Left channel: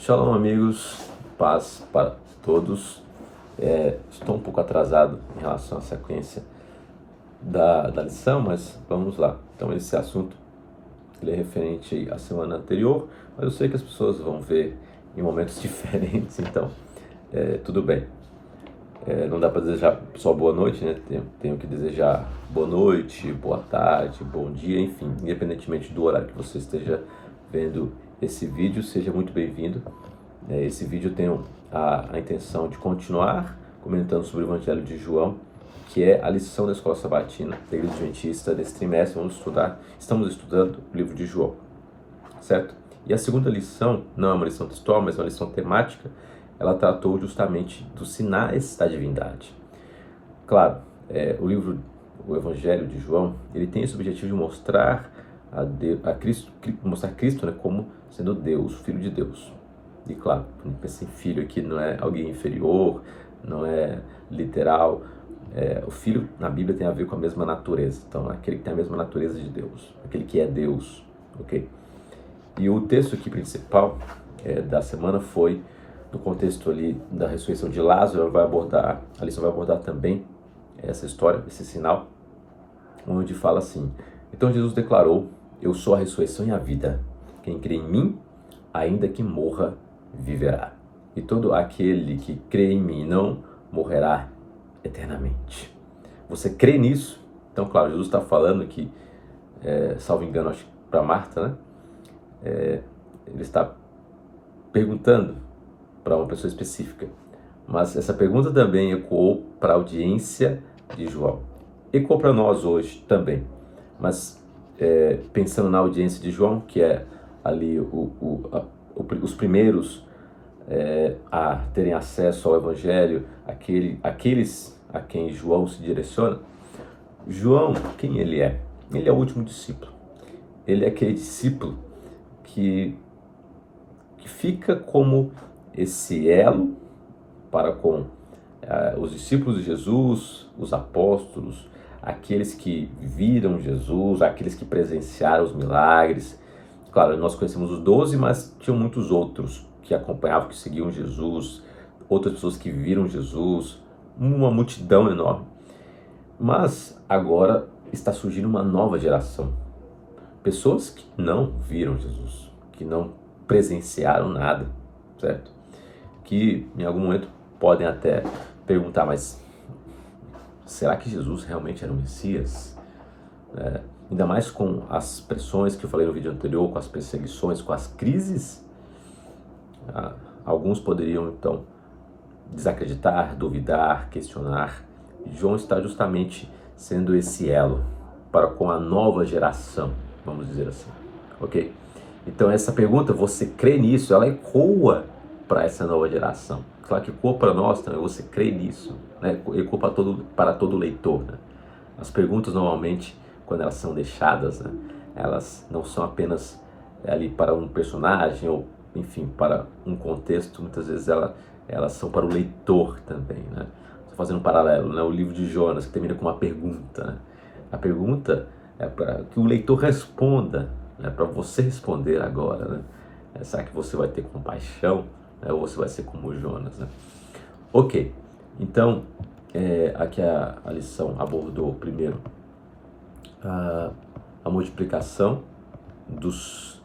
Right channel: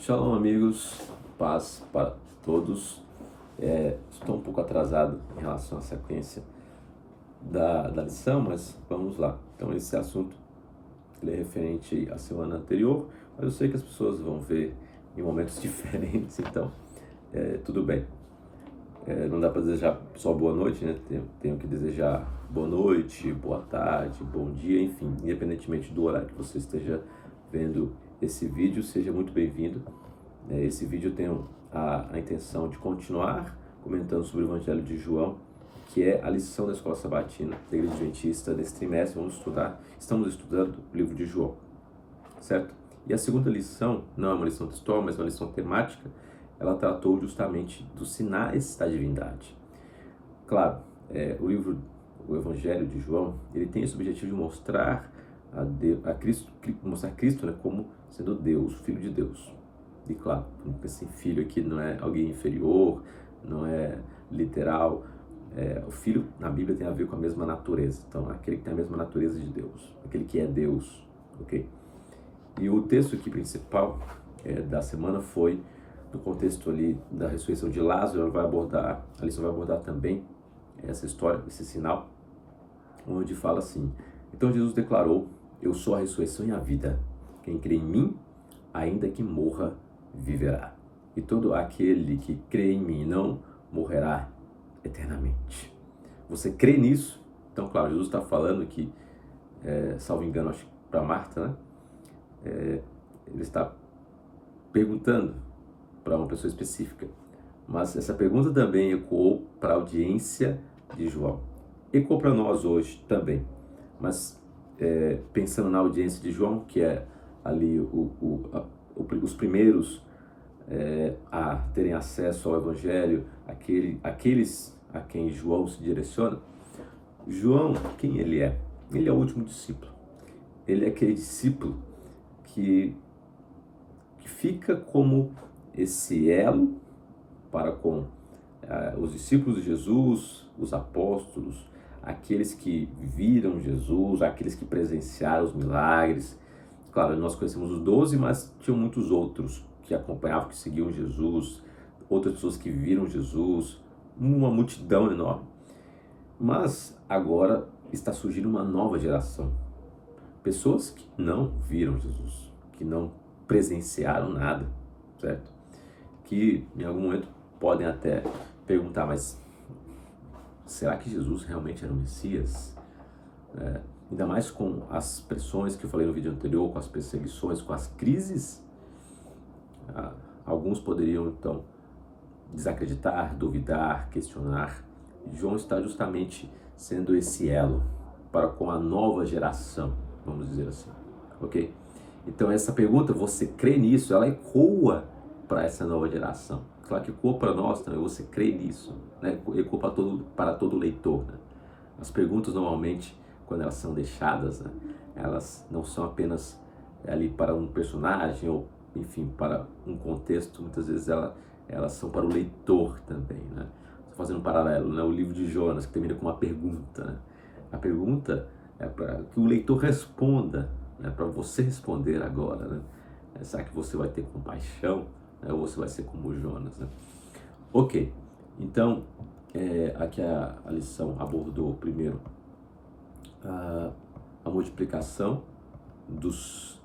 Shalom, amigos, paz para todos. Estou um pouco atrasado em relação à sequência da lição, mas vamos lá. Então, esse assunto ele é referente à semana anterior, mas eu sei que as pessoas vão ver em momentos diferentes, então tudo bem. Não dá para desejar só boa noite, né? Tenho que desejar boa noite, boa tarde, bom dia, enfim, independentemente do horário que você esteja vendo esse vídeo, seja muito bem-vindo. Esse vídeo tem a intenção de continuar comentando sobre o Evangelho de João, que é a lição da Escola Sabatina da Igreja Adventista desse trimestre. Estamos estudando o livro de João, certo? E a segunda lição não é uma lição textual, mas é uma lição temática. Ela tratou justamente dos sinais da divindade. Claro, o Evangelho de João, ele tem esse objetivo de mostrar mostrar Cristo, né, como sendo Deus, Filho de Deus. E claro, esse filho aqui não é alguém inferior, não é literal. O filho na Bíblia tem a ver com a mesma natureza. Então, aquele que tem a mesma natureza de Deus, aquele que é Deus, ok? E o texto aqui principal da semana foi no contexto ali da ressurreição de Lázaro. A lição vai abordar também essa história, esse sinal, onde fala assim: então Jesus declarou: eu sou a ressurreição e a vida. Quem crê em mim, ainda que morra, viverá. E todo aquele que crê em mim não morrerá eternamente. Você crê nisso? Então, claro, Jesus está falando aqui, salvo engano, acho que para Marta, né? Ele está perguntando para uma pessoa específica, mas essa pergunta também ecoou para a audiência de João. Ecoou para nós hoje também, mas pensando na audiência de João, que é ali os primeiros a terem acesso ao Evangelho, aqueles a quem João se direciona. João, quem ele é? Ele é o último discípulo. Ele é aquele discípulo que fica como esse elo para com os discípulos de Jesus, os apóstolos, aqueles que viram Jesus, aqueles que presenciaram os milagres. Claro, nós conhecemos os 12, mas tinham muitos outros que acompanhavam, que seguiam Jesus, outras pessoas que viram Jesus, uma multidão enorme. Mas agora está surgindo uma nova geração. Pessoas que não viram Jesus, que não presenciaram nada, certo? Que em algum momento podem até perguntar, mas será que Jesus realmente era o Messias? Ainda mais com as pressões que eu falei no vídeo anterior, com as perseguições, com as crises. Alguns poderiam então desacreditar, duvidar, questionar. E João está justamente sendo esse elo para com a nova geração, vamos dizer assim, ok? Então essa pergunta, você crê nisso? Ela ecoa para essa nova geração. Claro que ecoa para nós também, você crê nisso, né? Ecoa para todo leitor, né? As perguntas normalmente, quando elas são deixadas, né, elas não são apenas ali para um personagem ou, enfim, para um contexto. Muitas vezes elas são para o leitor também, né? Estou fazendo um paralelo, né? O livro de Jonas, que termina com uma pergunta, né? A pergunta é para que o leitor responda, né? Para você responder agora, né? Será que você vai ter compaixão, né? Ou você vai ser como Jonas, né? Ok, então aqui a lição abordou primeiro a multiplicação dos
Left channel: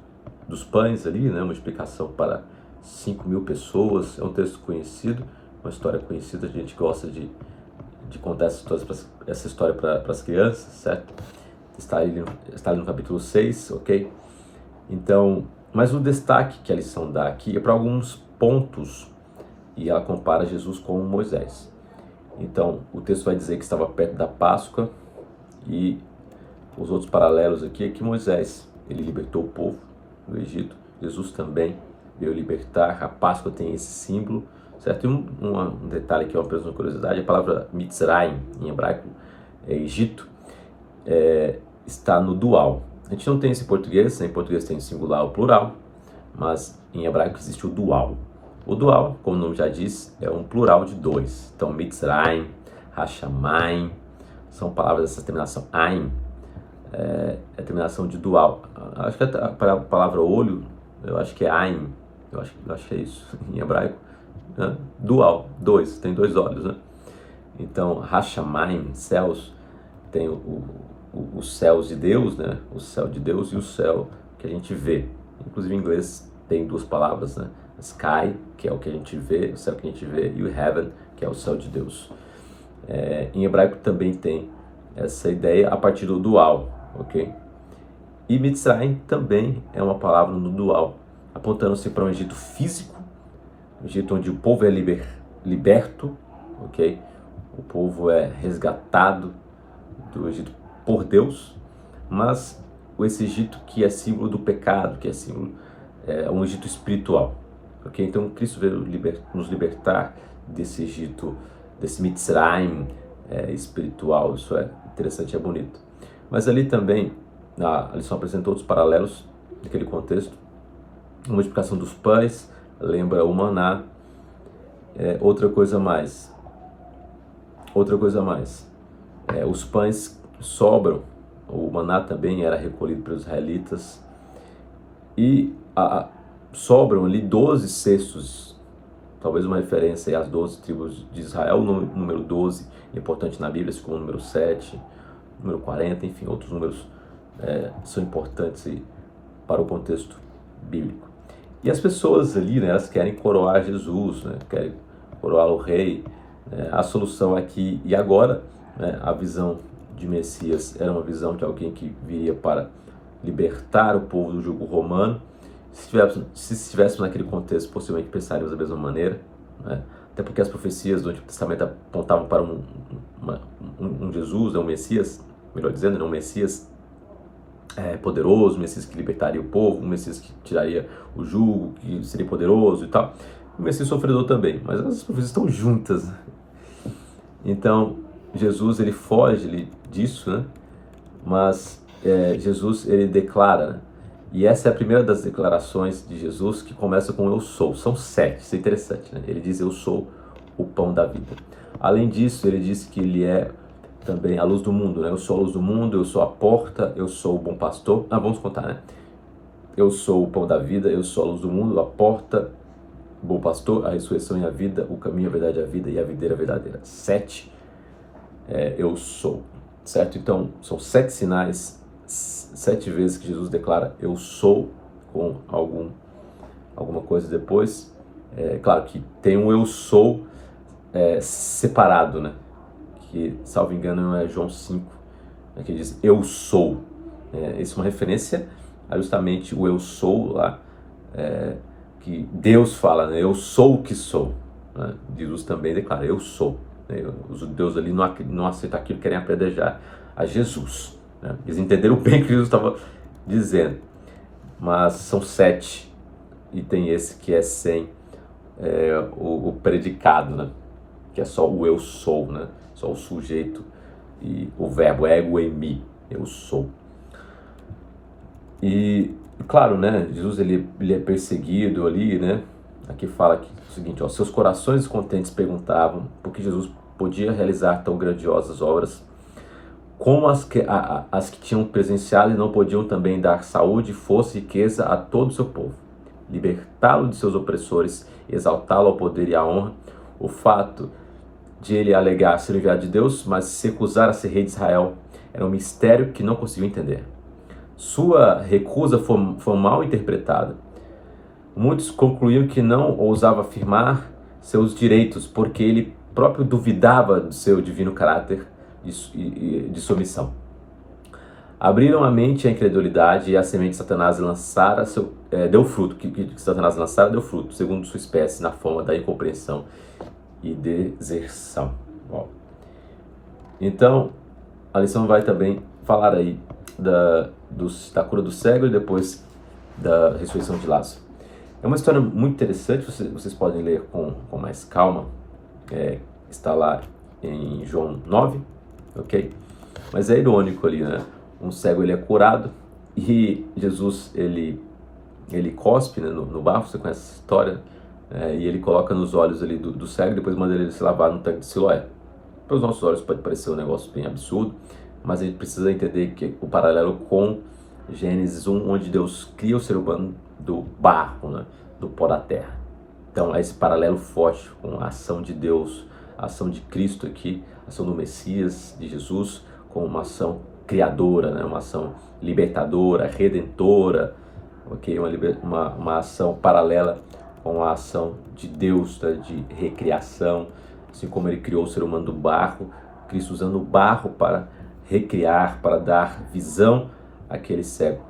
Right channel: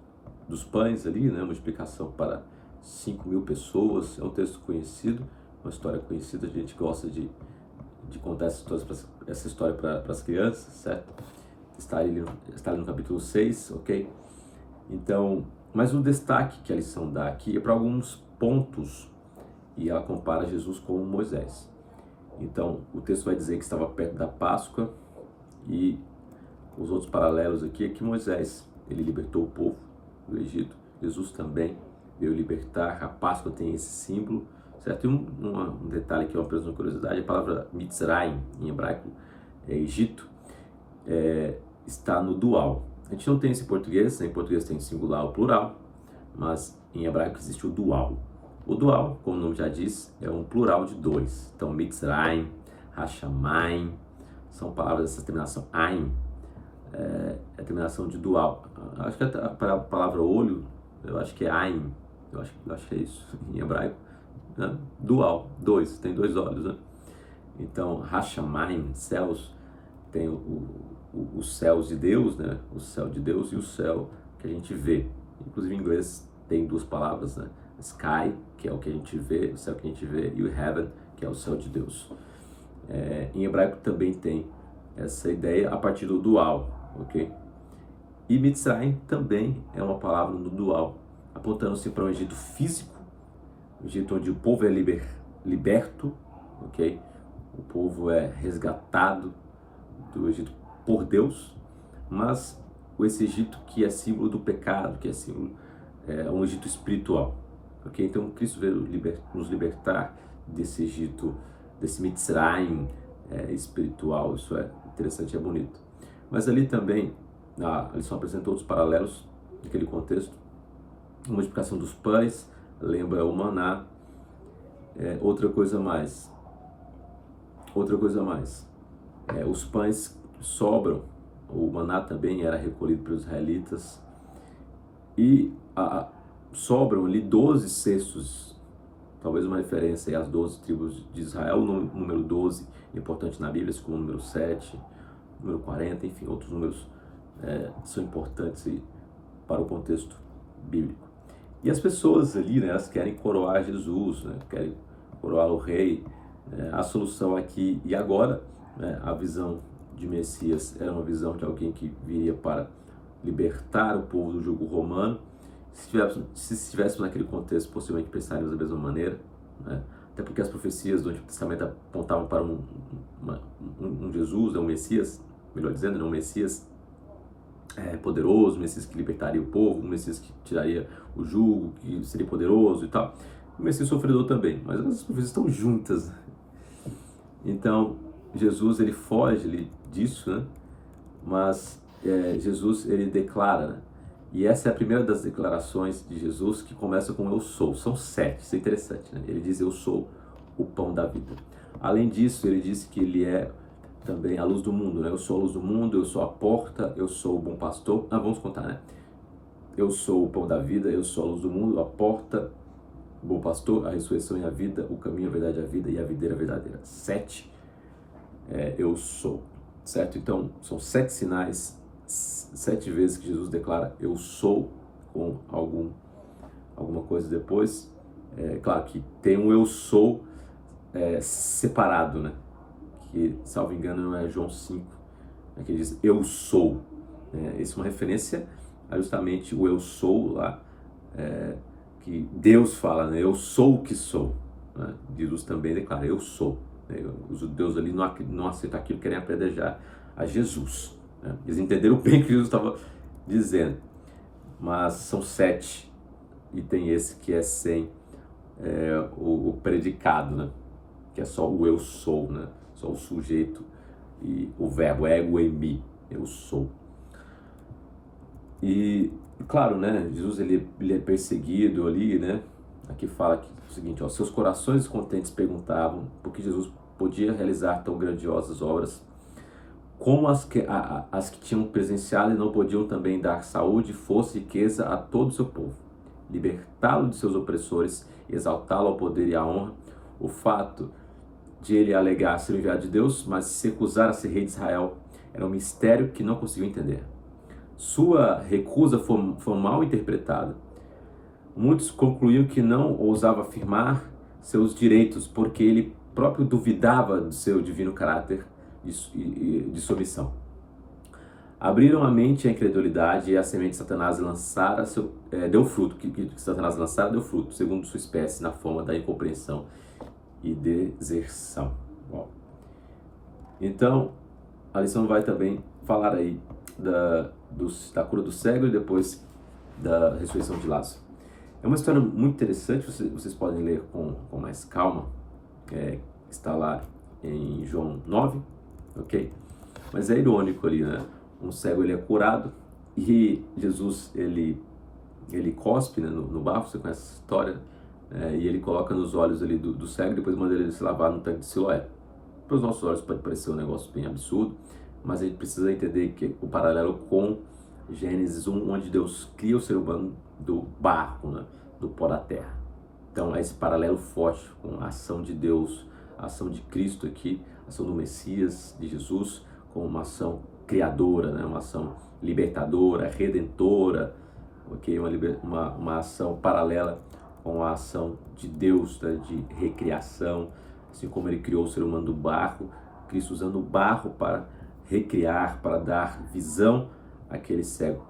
pães ali, né? Multiplicação para 5.000 pessoas. É um texto conhecido, uma história conhecida. A gente gosta de contar essa história para as crianças, certo? Está ali no capítulo 6, ok? Então, mas o destaque que a lição dá aqui é para alguns pontos, e ela compara Jesus com Moisés. Então, o texto vai dizer que estava perto da Páscoa, e os outros paralelos aqui é que Moisés, ele libertou o povo do Egito. Jesus também veio libertar. A Páscoa tem esse símbolo, certo? E um detalhe que é uma curiosidade: a palavra Mitzrayim, em hebraico, Egito, está no dual. A gente não tem esse em português, né? Em português tem singular ou plural, mas em hebraico existe o dual. O dual, como o nome já diz, é um plural de dois. Então, Mitzrayim, Hashamayim, são palavras dessa terminação Aim, é a terminação de dual. Acho que a palavra olho, eu acho que é Aim, eu acho que é isso, em hebraico, né? Dual, dois, tem dois olhos, né? Então, Hashamayim, céus, tem os céus de Deus, né? O céu de Deus e o céu que a gente vê. Inclusive em inglês tem duas palavras, né? Sky, que é o que a gente vê, o céu que a gente vê, e o heaven, que é o céu de Deus. Em hebraico também tem essa ideia a partir do dual, ok? E Mitzrayim também é uma palavra no dual, apontando-se para um Egito físico, um Egito onde o povo é liberto, ok? O povo é resgatado do Egito por Deus, mas esse Egito que é símbolo do pecado, que é símbolo, é um Egito espiritual, ok? Então Cristo veio nos libertar desse Egito, desse Mitzrayim espiritual. Isso é interessante, é bonito. Mas ali também a lição apresentou outros paralelos naquele contexto. A multiplicação dos pães lembra o maná. Outra coisa mais, os pães sobram, o maná também era recolhido pelos israelitas, e sobram ali 12 cestos, talvez uma referência às 12 tribos de Israel. O número 12 é importante na Bíblia, assim como o número 7, número 40, enfim, outros números são importantes para o contexto bíblico. E as pessoas ali, né, elas querem coroar Jesus, né, querem coroar o rei. A solução aqui e agora, né, a visão de Messias era uma visão de alguém que viria para libertar o povo do jugo romano. Se estivéssemos naquele contexto, possivelmente pensaríamos da mesma maneira, né? Até porque as profecias do Antigo Testamento apontavam para um Jesus, um Messias, melhor dizendo, um Messias poderoso, um Messias que libertaria o povo, um Messias que tiraria o jugo, que seria poderoso e tal. O Messias sofredor também, mas as profecias estão juntas. Então, Jesus, ele foge disso, né? Mas Jesus, ele declara, né? E essa é a primeira das declarações de Jesus, que começa com eu sou. São 7, isso é interessante, né? Ele diz eu sou o pão da vida. Além disso, ele disse que ele é também a luz do mundo, né? Eu sou a luz do mundo, eu sou a porta, eu sou o bom pastor. Vamos contar, né? Eu sou o pão da vida, eu sou a luz do mundo, a porta, o bom pastor, a ressurreição e a vida, o caminho, a verdade e a vida, e a videira verdadeira. 7, eu sou, certo? Então, são 7 sinais, 7 vezes que Jesus declara eu sou, com alguma coisa depois. Claro que tem um eu sou separado, né? Que, salvo engano, é João 5, né, que diz eu sou. Isso é uma referência a justamente o eu sou lá, que Deus fala, né? Eu sou o que sou, né? Jesus também declara eu sou, né? Os judeus ali não aceitam aquilo, querem apedrejar a Jesus, né? Eles entenderam bem o que Jesus estava dizendo, mas são 7, e tem esse que é sem o predicado, né? Que é só o eu sou, né? Só o sujeito e o verbo ego eimi, eu sou. E claro, né? Jesus ele é perseguido ali, né? Aqui fala que, o seguinte, ó, seus corações descontentes perguntavam por que Jesus podia realizar tão grandiosas obras, como as que tinham presenciado e não podiam também dar saúde, força e riqueza a todo o seu povo, libertá-lo de seus opressores, exaltá-lo ao poder e à honra. O fato de ele alegar ser enviado de Deus, mas se recusar a ser rei de Israel, era um mistério que não conseguiu entender. Sua recusa foi mal interpretada. Muitos concluíram que não ousava afirmar seus direitos, porque ele próprio duvidava do seu divino caráter de submissão. Abriram a mente à incredulidade, e a semente de Satanás lançara deu fruto, que Satanás lançara deu fruto, segundo sua espécie, na forma da incompreensão e deserção. Bom, então, a lição vai também falar aí da cura do cego e depois da ressurreição de Lázaro. É uma história muito interessante, vocês podem ler com mais calma, está lá em João 9, ok? Mas é irônico ali, né? Um cego ele é curado e Jesus ele cospe, né, no barro, você conhece essa história, e ele coloca nos olhos ali do cego e depois manda ele se lavar no tanque de Siloé. Para os nossos olhos pode parecer um negócio bem absurdo, mas a gente precisa entender que o paralelo com Gênesis 1, onde Deus cria o ser humano do barro, né? do pó da terra. Então há esse paralelo forte com a ação de Deus, a ação de Cristo aqui, a ação do Messias, de Jesus, com uma ação criadora, né? Uma ação libertadora, redentora, okay? Uma ação paralela com a ação de Deus, né? De recriação, assim como ele criou o ser humano do barro, Cristo usando o barro para recriar, para dar visão àquele cego.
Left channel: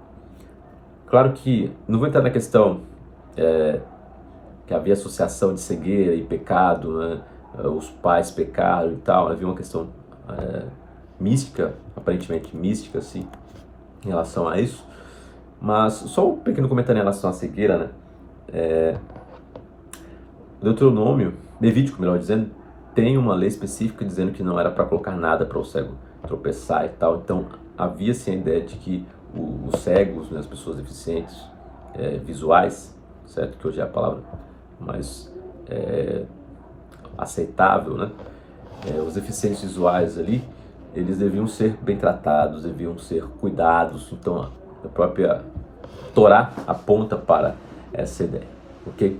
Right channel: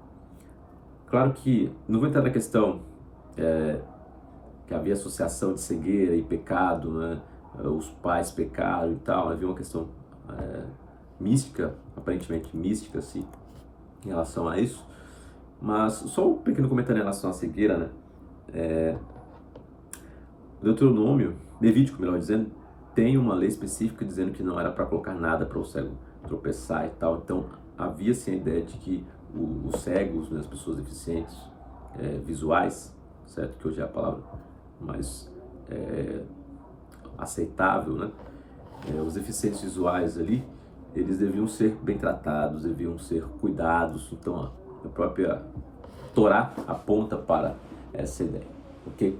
Claro que não vou entrar na questão que havia associação de cegueira e pecado, né? Os pais pecaram e tal, havia uma questão mística, aparentemente mística, assim, em relação a isso. Mas só um pequeno comentário em relação à cegueira, né? Deuteronômio, Levítico, melhor dizendo, tem uma lei específica dizendo que não era para colocar nada para o cego tropeçar e tal. Então havia sim a ideia de que os cegos, né, as pessoas deficientes visuais, certo? Que hoje é a palavra mais aceitável, né? Os deficientes visuais ali, eles deviam ser bem tratados, deviam ser cuidados. Então a própria Torá aponta para essa ideia, ok?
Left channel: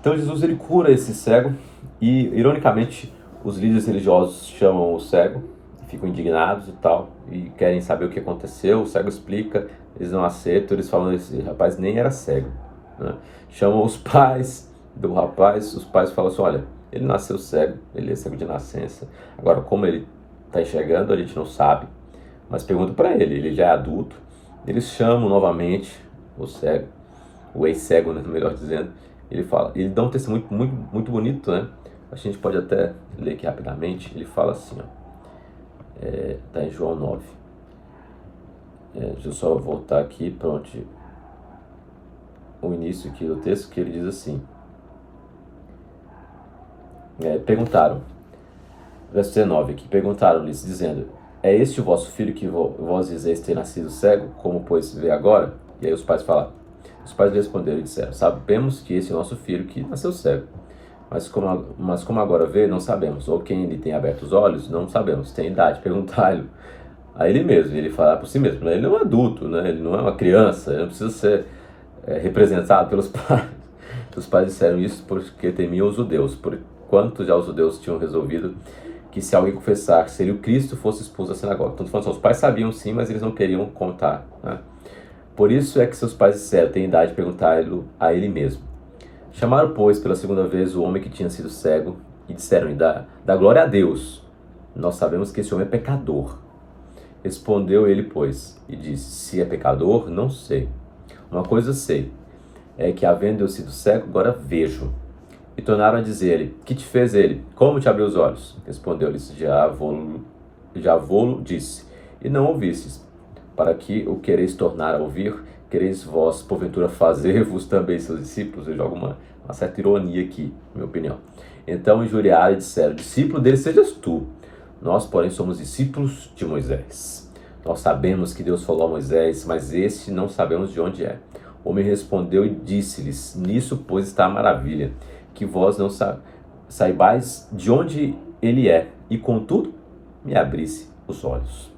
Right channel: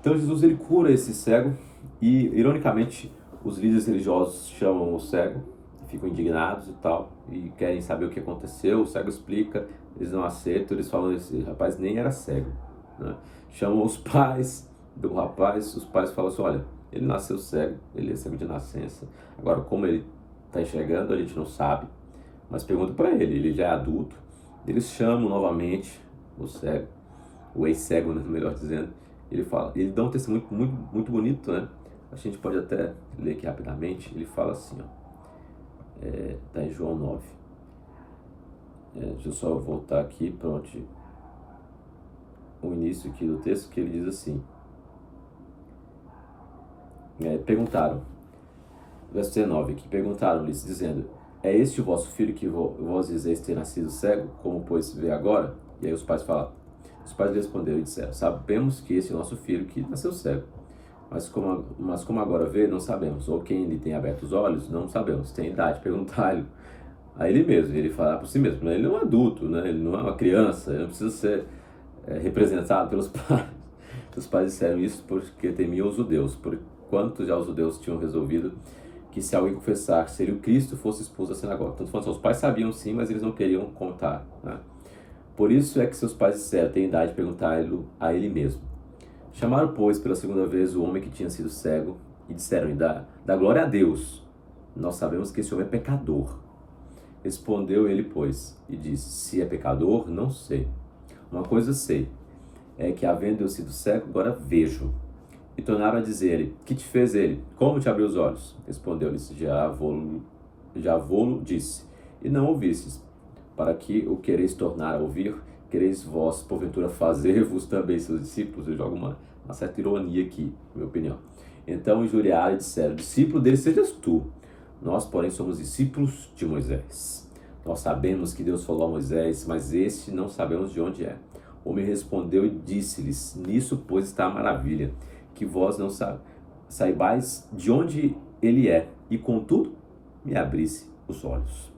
Então Jesus ele cura esse cego e, ironicamente, os líderes religiosos chamam o cego, ficam indignados e tal, e querem saber o que aconteceu. O cego explica, eles não aceitam, eles falam que esse rapaz nem era cego, né? Chamam os pais do rapaz, os pais falam assim, olha, ele nasceu cego, ele é cego de nascença, agora como ele está enxergando a gente não sabe, mas pergunta para ele já é adulto. Eles chamam novamente o cego, o ex-cego, né, melhor dizendo. Ele fala, ele dá um testemunho muito bonito, né? A gente pode até ler aqui rapidamente. Ele fala assim, ó, tá em João 9. Deixa eu só voltar aqui para onde o início aqui do texto, que ele diz assim, perguntaram, verso 19 aqui, perguntaram-lhes, dizendo, é este o vosso filho que vós dizeis ter nascido cego, como pois vê agora? E aí os pais lhe responderam e disseram, sabemos que esse é o nosso filho que nasceu cego, mas como agora vê, não sabemos, ou quem lhe tem aberto os olhos, não sabemos, tem idade, perguntai-lhe a ele mesmo. E ele fala por si mesmo, ele não é um adulto, né? Ele não é uma criança, ele não precisa ser representado pelos pais. Os pais disseram isso porque temiam os judeus, porquanto já os judeus tinham resolvido que se alguém confessar que seria o Cristo, fosse expulso da sinagoga. Então, os pais sabiam sim, mas eles não queriam contar, né? Por isso é que seus pais disseram, tem idade de perguntar-lhe a ele mesmo. Chamaram, pois, pela segunda vez o homem que tinha sido cego e disseram-lhe, dá glória a Deus. Nós sabemos que esse homem é pecador. Respondeu ele, pois, e disse, se é pecador, não sei. Uma coisa sei, é que havendo eu sido cego, agora vejo. E tornaram a dizer-lhe, que te fez ele? Como te abriu os olhos? Respondeu-lhes, já vô-lo disse, e não ouvistes. Para que o quereis tornar a ouvir, quereis vós, porventura, fazer-vos também seus discípulos? Eu jogo uma certa ironia aqui, na minha opinião. Então injuriaram e disseram, discípulo dele sejas tu. Nós, porém, somos discípulos de Moisés. Nós sabemos que Deus falou a Moisés, mas este não sabemos de onde é. O homem respondeu e disse-lhes, nisso, pois, está a maravilha, que vós não saibais de onde ele é, e contudo, me abrisse os olhos.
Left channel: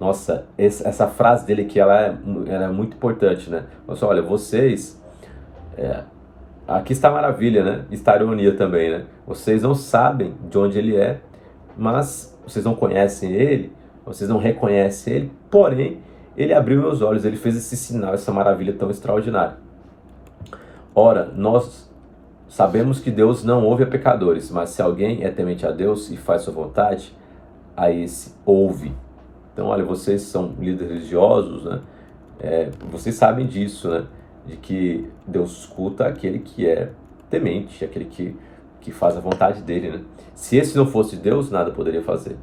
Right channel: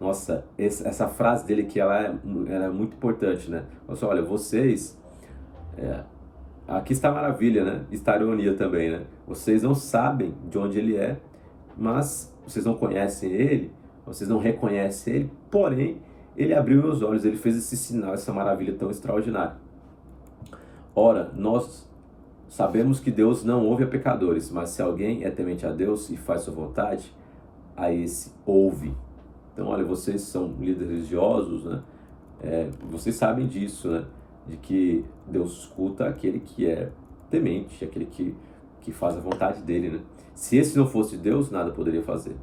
Nossa, essa frase dele aqui, ela é muito importante, né? Nossa, olha, vocês, aqui está a maravilha, né? Está a ironia também, né? Vocês não sabem de onde ele é, mas vocês não conhecem ele, vocês não reconhecem ele, porém, ele abriu meus olhos, ele fez esse sinal, essa maravilha tão extraordinária. Ora, nós sabemos que Deus não ouve a pecadores, mas se alguém é temente a Deus e faz sua vontade, a esse ouve. Então, olha, vocês são líderes religiosos, né? Vocês sabem disso, né? De que Deus escuta aquele que é temente, aquele que faz a vontade dele, né? Se esse não fosse Deus, nada poderia fazer.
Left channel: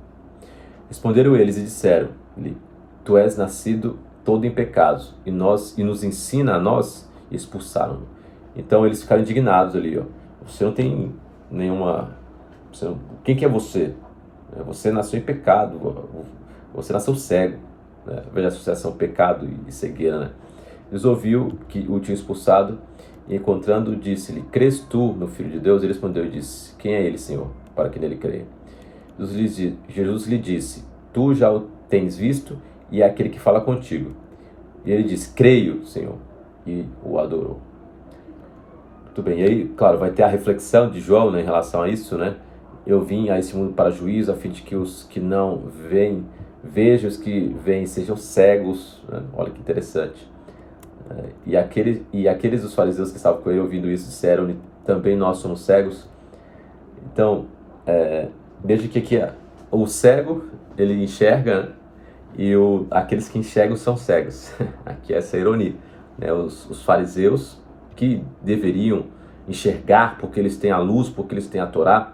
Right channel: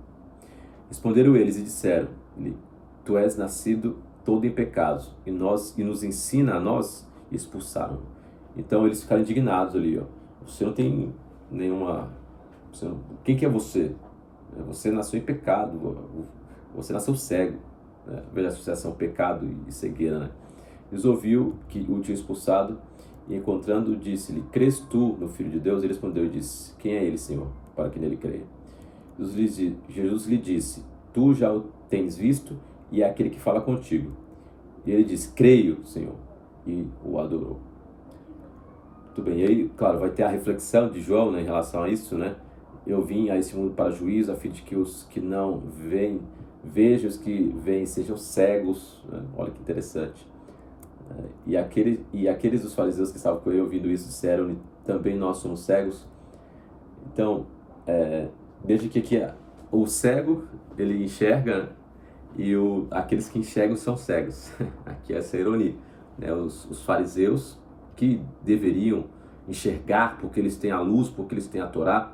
Responderam eles e disseram-lhe, tu és nascido todo em pecados, e nos ensina a nós, e expulsaram-no. Então eles ficaram indignados ali, ó. Você não tem nenhuma... Quem que é você? Você nasceu em pecado, você nasceu cego, né? Veja a associação pecado e cegueira, né? Eles ouviu que o tinha expulsado e encontrando disse-lhe, crês tu no Filho de Deus? Ele respondeu e disse, quem é ele, Senhor, para que nele creia? Jesus lhe disse, tu já o tens visto e é aquele que fala contigo. E ele disse, creio, Senhor, e o adorou. Muito bem, e aí, claro, vai ter a reflexão de João, né, em relação a isso, né? Eu vim a esse mundo para juízo, a fim de que os que não veem, vejam, os que veem sejam cegos, né? Olha que interessante. E aqueles dos fariseus que estavam com ele ouvindo isso disseram, também nós somos cegos. Então, desde que aqui o cego, ele enxerga, né? E aqueles que enxergam são cegos. Aqui é essa ironia, né? Os fariseus, que deveriam enxergar porque eles têm a luz, porque eles têm a Torá,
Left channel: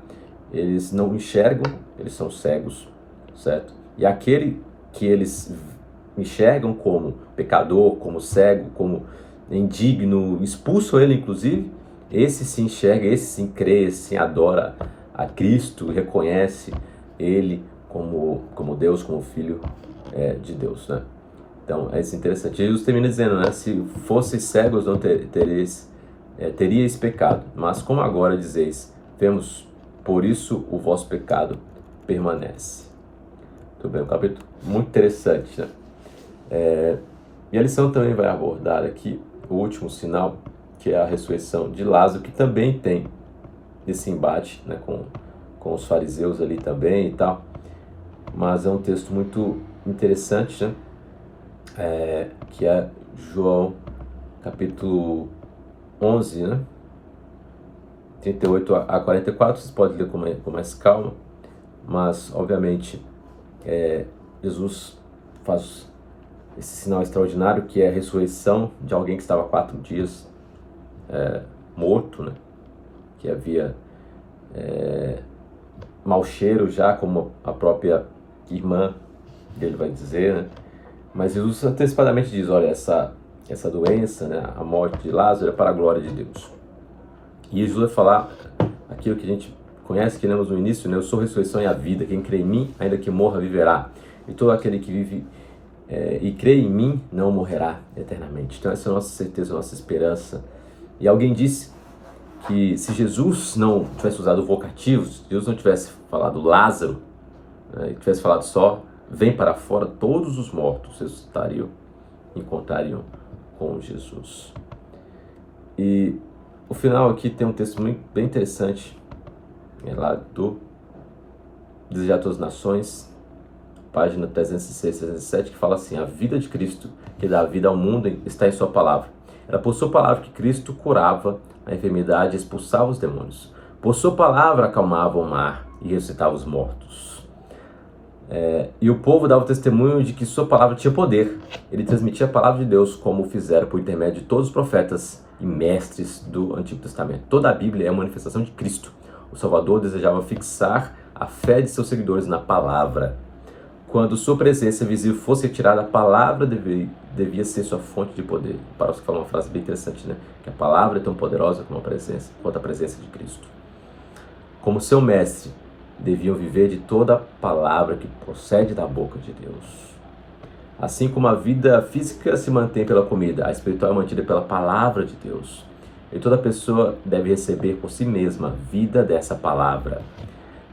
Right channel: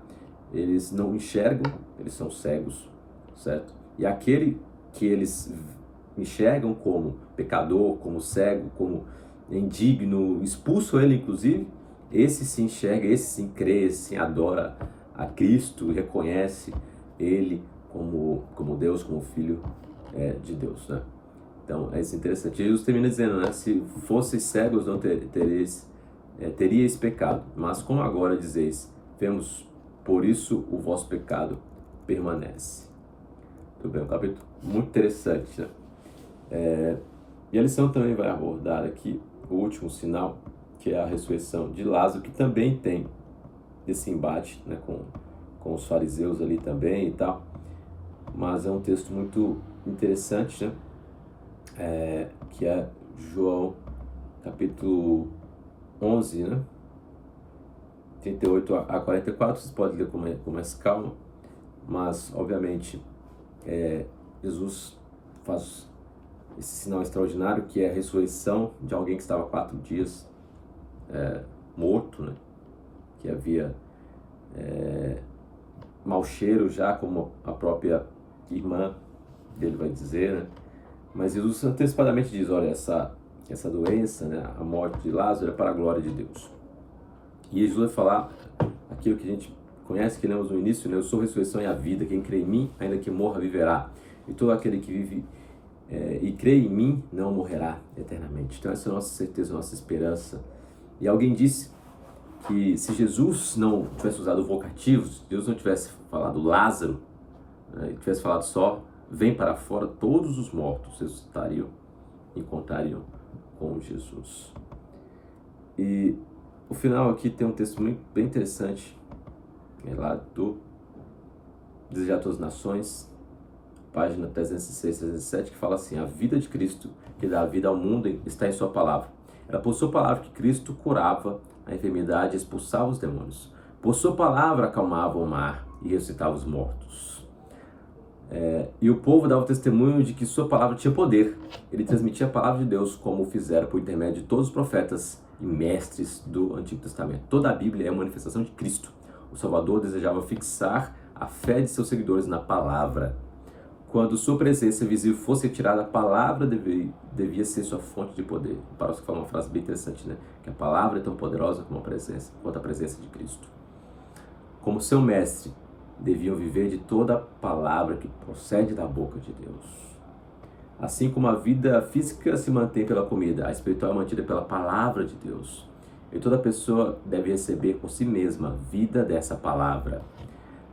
eles não enxergam, eles são cegos, certo? E aquele que eles enxergam como pecador, como cego, como indigno, expulsam ele inclusive, esse se enxerga, esse sim crê, esse sim adora a Cristo, reconhece ele como Deus, como Filho de Deus, né? Então, é isso interessante. Jesus termina dizendo, né? Se fosseis cegos, não teríeis pecado. Mas como agora dizeis, vemos, por isso o vosso pecado permanece. Tudo bem, um capítulo muito interessante, né? E a lição também vai abordar aqui o último sinal, que é a ressurreição de Lázaro, que também tem esse embate, né, com os fariseus ali também e tal. Mas é um texto muito interessante, né? Que é João capítulo 11, né? 38 a 44, vocês podem ler com mais calma, mas obviamente Jesus faz esse sinal extraordinário, que é a ressurreição de alguém que estava 4 dias morto, né? Que havia mau cheiro já, como a própria irmã dele vai dizer, né? Mas Jesus antecipadamente diz, olha, essa doença, né, a morte de Lázaro é para a glória de Deus. E Jesus vai falar aquilo que a gente conhece, que lemos no início, né? Eu sou a ressurreição e a vida, quem crê em mim, ainda que morra, viverá. E todo aquele que vive e crê em mim, não morrerá eternamente. Então essa é a nossa certeza, a nossa esperança. E alguém disse que se Jesus não tivesse usado o vocativo, se Jesus não tivesse falado Lázaro, e tivesse falado só, vem para fora, todos os mortos ressuscitariam, encontrariam com Jesus. E o final aqui tem um texto bem interessante, lá do Desejar a Todas as Nações, página 306, 307, que fala assim: a vida de Cristo, que dá vida ao mundo, está em sua palavra. Era por sua palavra que Cristo curava a enfermidade e expulsava os demônios. Por sua palavra acalmava o mar e ressuscitava os mortos. E o povo dava testemunho de que sua palavra tinha poder. Ele transmitia a palavra de Deus, como fizeram por intermédio de todos os profetas e mestres do Antigo Testamento. Toda a Bíblia é uma manifestação de Cristo. O Salvador desejava fixar a fé de seus seguidores na palavra. Quando sua presença visível fosse retirada, a palavra devia ser sua fonte de poder. Para os que falam uma frase bem interessante, né? Que a palavra é tão poderosa quanto a presença de Cristo. Como seu mestre, deviam viver de toda a palavra que procede da boca de Deus. Assim como a vida física se mantém pela comida, a espiritual é mantida pela palavra de Deus. E toda pessoa deve receber por si mesma vida dessa palavra.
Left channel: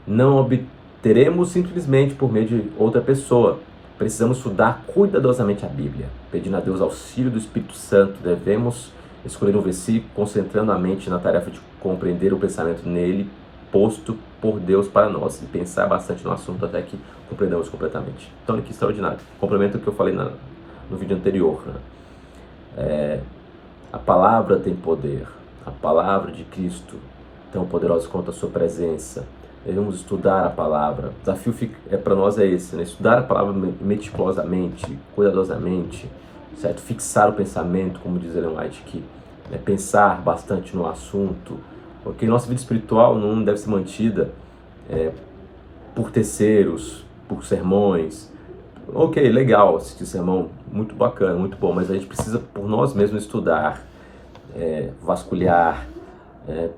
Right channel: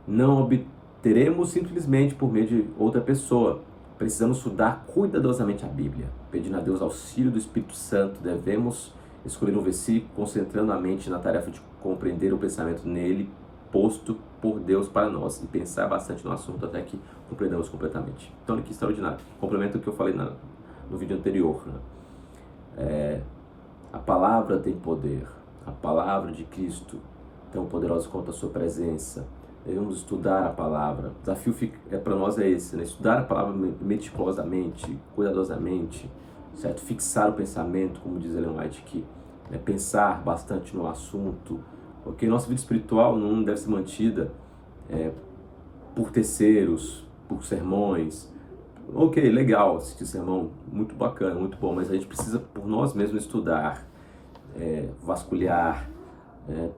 Não obteremos simplesmente por meio de outra pessoa. Precisamos estudar cuidadosamente a Bíblia. Pedindo a Deus auxílio do Espírito Santo, devemos escolher um versículo, concentrando a mente na tarefa de compreender o pensamento nele, posto por Deus para nós, e pensar bastante no assunto até que compreendamos completamente. Então, olha que extraordinário. Complementa o que eu falei no vídeo anterior, né? A palavra tem poder. A palavra de Cristo, tão poderosa quanto a sua presença. Devemos estudar a palavra. O desafio para nós é esse, né? Estudar a palavra meticulosamente, cuidadosamente, certo? Fixar o pensamento, como diz Ellen White aqui, né? Pensar bastante no assunto. Porque nossa vida espiritual não deve ser mantida por terceiros, por sermões. Ok, legal assistir sermão, muito bacana, muito bom, mas a gente precisa por nós mesmos estudar, vasculhar,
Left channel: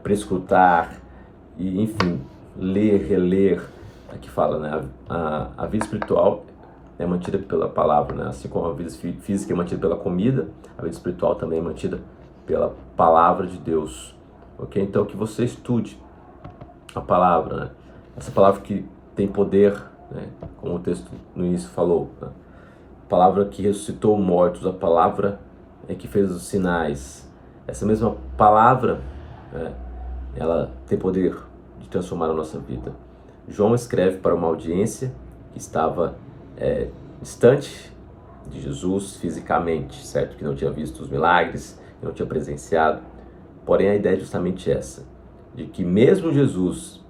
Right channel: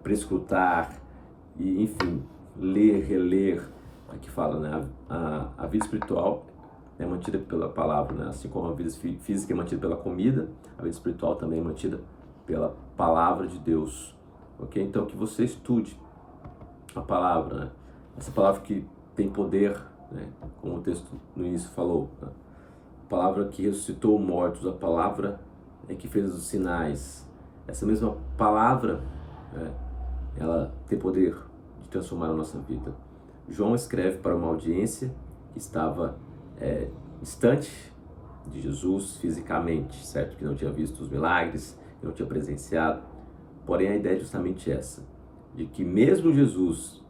prescrutar e, enfim, ler, reler. Aqui fala, né? A vida espiritual é mantida pela palavra, né? Assim como a vida física é mantida pela comida, a vida espiritual também é mantida pela palavra de Deus. Ok? Então que você estude a palavra, né? Essa palavra que tem poder, né? Como o texto no início falou, né? A palavra que ressuscitou mortos, a palavra que fez os sinais. Essa mesma palavra né? Ela tem poder de transformar a nossa vida. João escreve para uma audiência que estava distante de Jesus fisicamente, certo? Que não tinha visto os milagres, que não tinha presenciado. Porém, a ideia é justamente essa, de que mesmo Jesus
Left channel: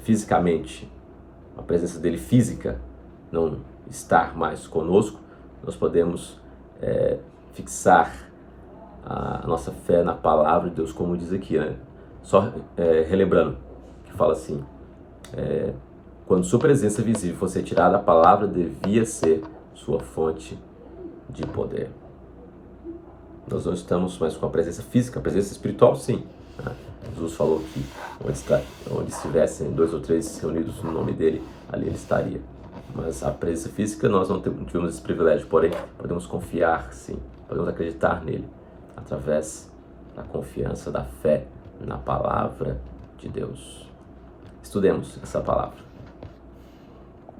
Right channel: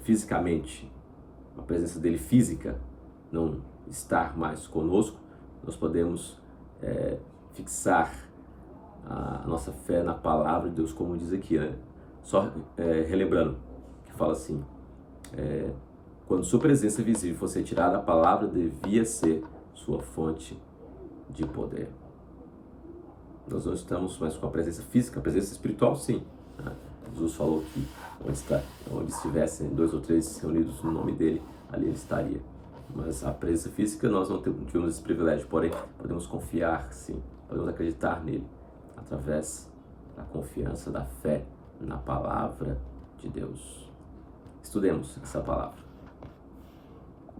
fisicamente, a presença dele física não estar mais conosco, nós podemos fixar a nossa fé na palavra de Deus, como diz aqui, né? Só relembrando, que fala assim, quando sua presença visível fosse retirada, a palavra devia ser sua fonte de poder. Nós não estamos mais com a presença física, a presença espiritual sim, né? Jesus falou que onde estivessem 2 ou 3 reunidos no nome dele, ali ele estaria. Mas a presença física nós não tivemos esse privilégio, porém podemos confiar sim, podemos acreditar nele, através da confiança, da fé na palavra de Deus. Estudemos essa palavra.